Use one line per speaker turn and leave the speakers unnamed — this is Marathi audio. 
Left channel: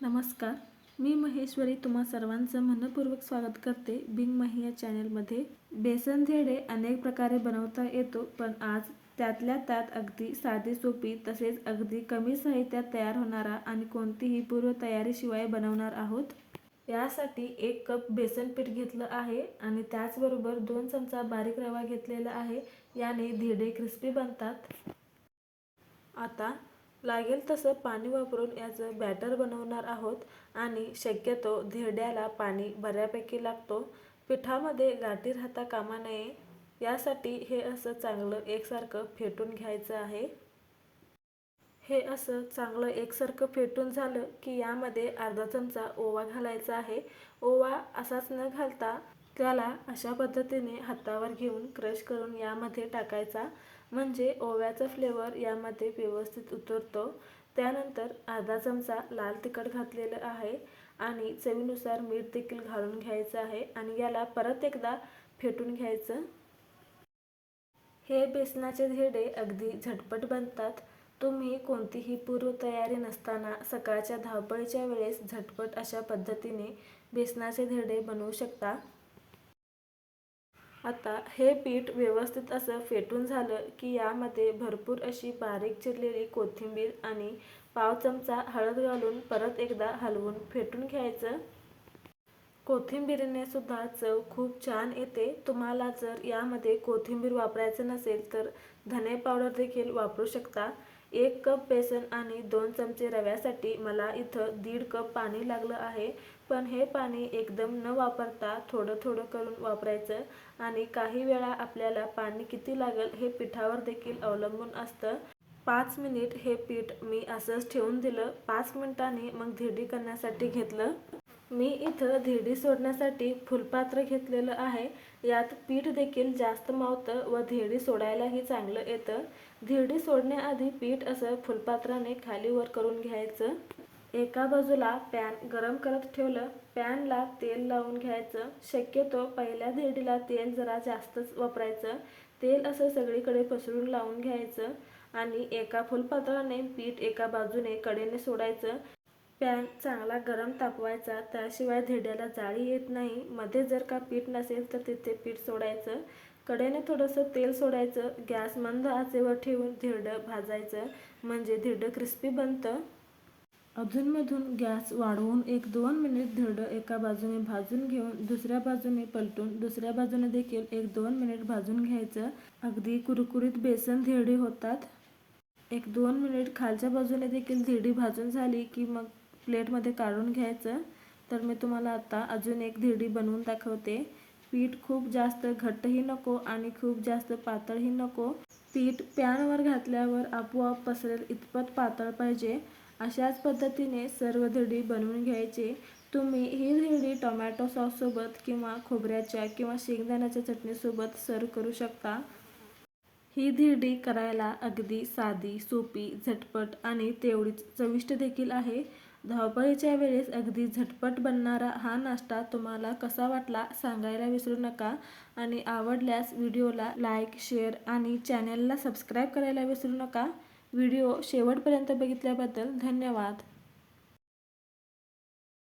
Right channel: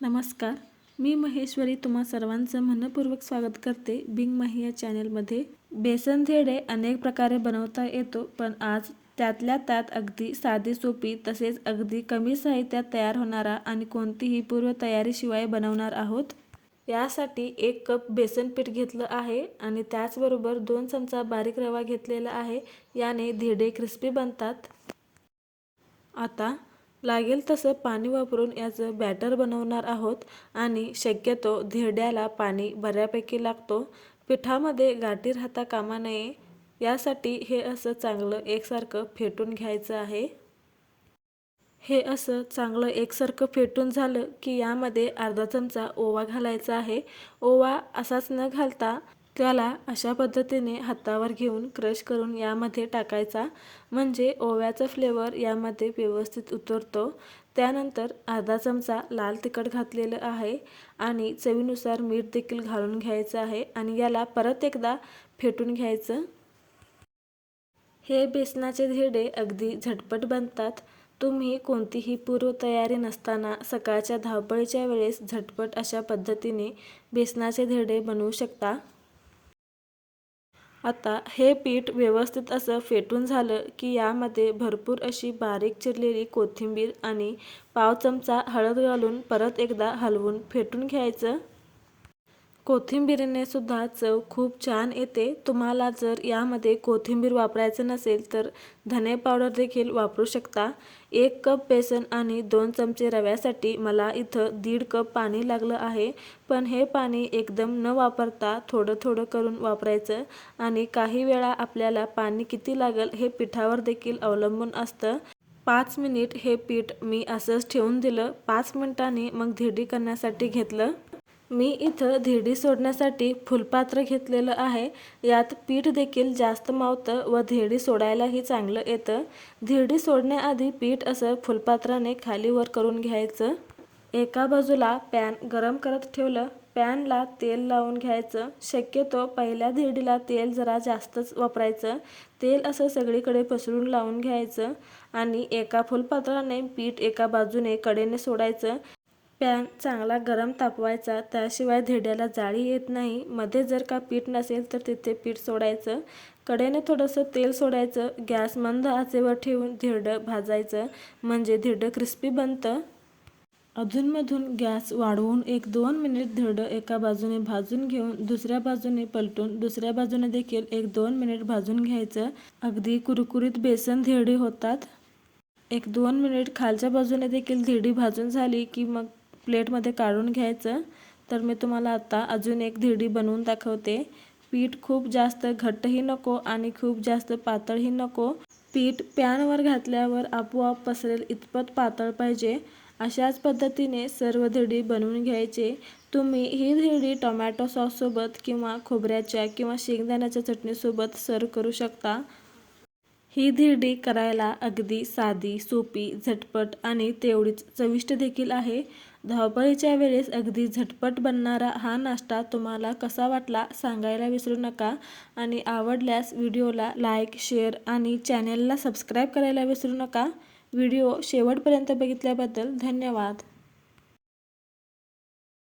नमस्कार. मी महेश्वरी तुम्हा सर्वांचं मनपूर्वक स्वागत करते बिंग माही या चॅनेलमध्ये. बेसन धेडे अनेक प्रकारे बनवता येतो पण आज त्यातल्या त्यात अगदी साधी सोपी तसेच अगदी कमी साहित्यात तयार होणारा आणि कोणतीही पूर्वतयारीशिवाय बनवणार आहोत. यासाठी एक कप बेसन पीठ घेतलं आहे आणि त्याचबरोबर दोन चमचा बारीक रवा घेतलेला आहे याने धेडे क्रिस्पी बनतात. आता लागेल तसं पाणी वापरून याचं बॅटर बनवणार आहोत आणि शक्यतो धिरड्याला पाणी बऱ्यापैकी लागतो. पिठामध्ये गाठी राहता कामा नये. यासाठी हे असं चांगलं एकसारखं फेटून घ्यायचं आहे. हे असं चांगलं एकसारखं फेटून झालं की यामध्ये अर्धा चमचा ओवा घालायचा आहे. ओवा असाच न घालता त्याला अशा पद्धतीने हातावर घेऊन क्रश करून यामध्ये टाकायचा. म्हणजे ओव्याचा फ्लेवर यामध्ये व्यवस्थित उतरतो. त्यानंतर अर्धा चमचा लाल तिखट घातलेलं आहे आणि चवीनुसार मीठ देखील घालून घ्यायचं आहे आणि याला परत एकदा फेटून घ्यायचं. हे बेसनाचे धेडे अगदी झटपट बनतात. तुम्ही कोणतीही पूर्वतयारी नसताना सकाळच्या धावपळीच्या वेळेस झटपट अशा पद्धतीने बेसनाचे धेडे बनवू शकता. आता हे पीठ व्यवस्थित असं फेटून झालं की यामध्ये भरपूर अशी बारीक चिरलेली कोथिंबीर आणि पाव चमचा हळद घालून परत एकदा हलवून फेटून घ्यायचं. कोथिंबीरीने सुद्धा चव खूप छान येते. तुम्हाला जर यामध्ये कोथिंबीर वापरायचं नसेल तर धने पावडर देखील वापरू शकता. एक कप बेसन आणि दोन चमचे रव्यासाठी मला इथं दीड कप पाणी लागलं आहे. पण हे पाणी एकदम न वापरता थोडं थोडं करून वापरायचं आणि काही वेळा आपल्याला पाणी किती लागेल हे पिठावर देखील अवलंबून असतं. पाच मिनिट हे पीठ मी असंच ठेवून दिलं. पाच मिनिटांनी मग धिरडी करण्यासाठी घेतलं. मी इथं धिडी सोडण्यासाठी फुलपात्र घेतलेलं आहे. यात पीठ देखील जास्त मावतं व धिडी सोडायलाही चांगलं येतं. धिरडी सोडण्याआधी पीठ असं फुलपात्राने खालीवर करून घ्यायचं. एका बाजूला पॅन गरम करत ठेवलं. पॅनला तेल लावून घ्यायचं. शक्यतो पहिल्या धिरडीला तेल जरा जास्तच वापरायचं. तेल असं सगळीकडे पसरून लावून घ्यायचं आणि एका फुलपात्राने पीठ एका बाजूने कडेने सोडायचं. पॅन चांगला गरम तापवायचा त्याशिवाय धिड्याला जाळी येत नाही. मध्ये जर का पीठ नसेल तर तिथे पीठ सोडायचं. कडेने थोडंसं तेल सोडायचं. गॅस मंद आचेवर ठेवून धिरडं भाजायचं. म्हणजे धिरडं क्रिस्पी बनतं. अधूनमधून गॅस वाढवून एक दोन मिनिट धिरडं एका बाजूने भाजून घेऊन दुसऱ्या बाजूने पलटून दुसऱ्या बाजूने देखील एक दोन मिनिट भाजून घ्यायचं. अगदी कुरकुरीत बेसन धिरडी होतात. एक दोन मिनिट खालच्या बाजूने देखील धिरडी भाजून झाली की मग प्लेटमध्ये काढून घ्यायचं. तर मी तुम्हाला आता अजून एक धिरडी बनवून दाखवते. पीठ खूप जास्त घट्टही नको आणि खूप जास्त पातळही नको. पीठ पॅनवर घातल्यावर आपोआप पसरेल इतपत पातळ पाहिजे. अशाच पद्धतीने सर्व धिरडी बनवून घ्यायचे. तुम्ही ही धिरडी टोमॅटो सॉससोबत किंवा खोबऱ्याच्या किंवा शेंगदाण्याच्या चटणीसोबत सर्व करू शकता. ही धिरडी करायला अगदी साधी सोपी झटपट आणि तेवढीच चविष्ट देखील आहे. धावपळीच्या वेळेस अगदी झटपट बनणारा हा नाश्ता तुम्हाला कसा वाटला सांगायला विसरू नका आणि आवडल्यास व्हिडिओला लाईक शेअर आणि चॅनेलला सबस्क्राईब करायला विसरू नका. व्हिडिओ शेवटपर्यंत बघितल्याबद्दल धन्यवाद.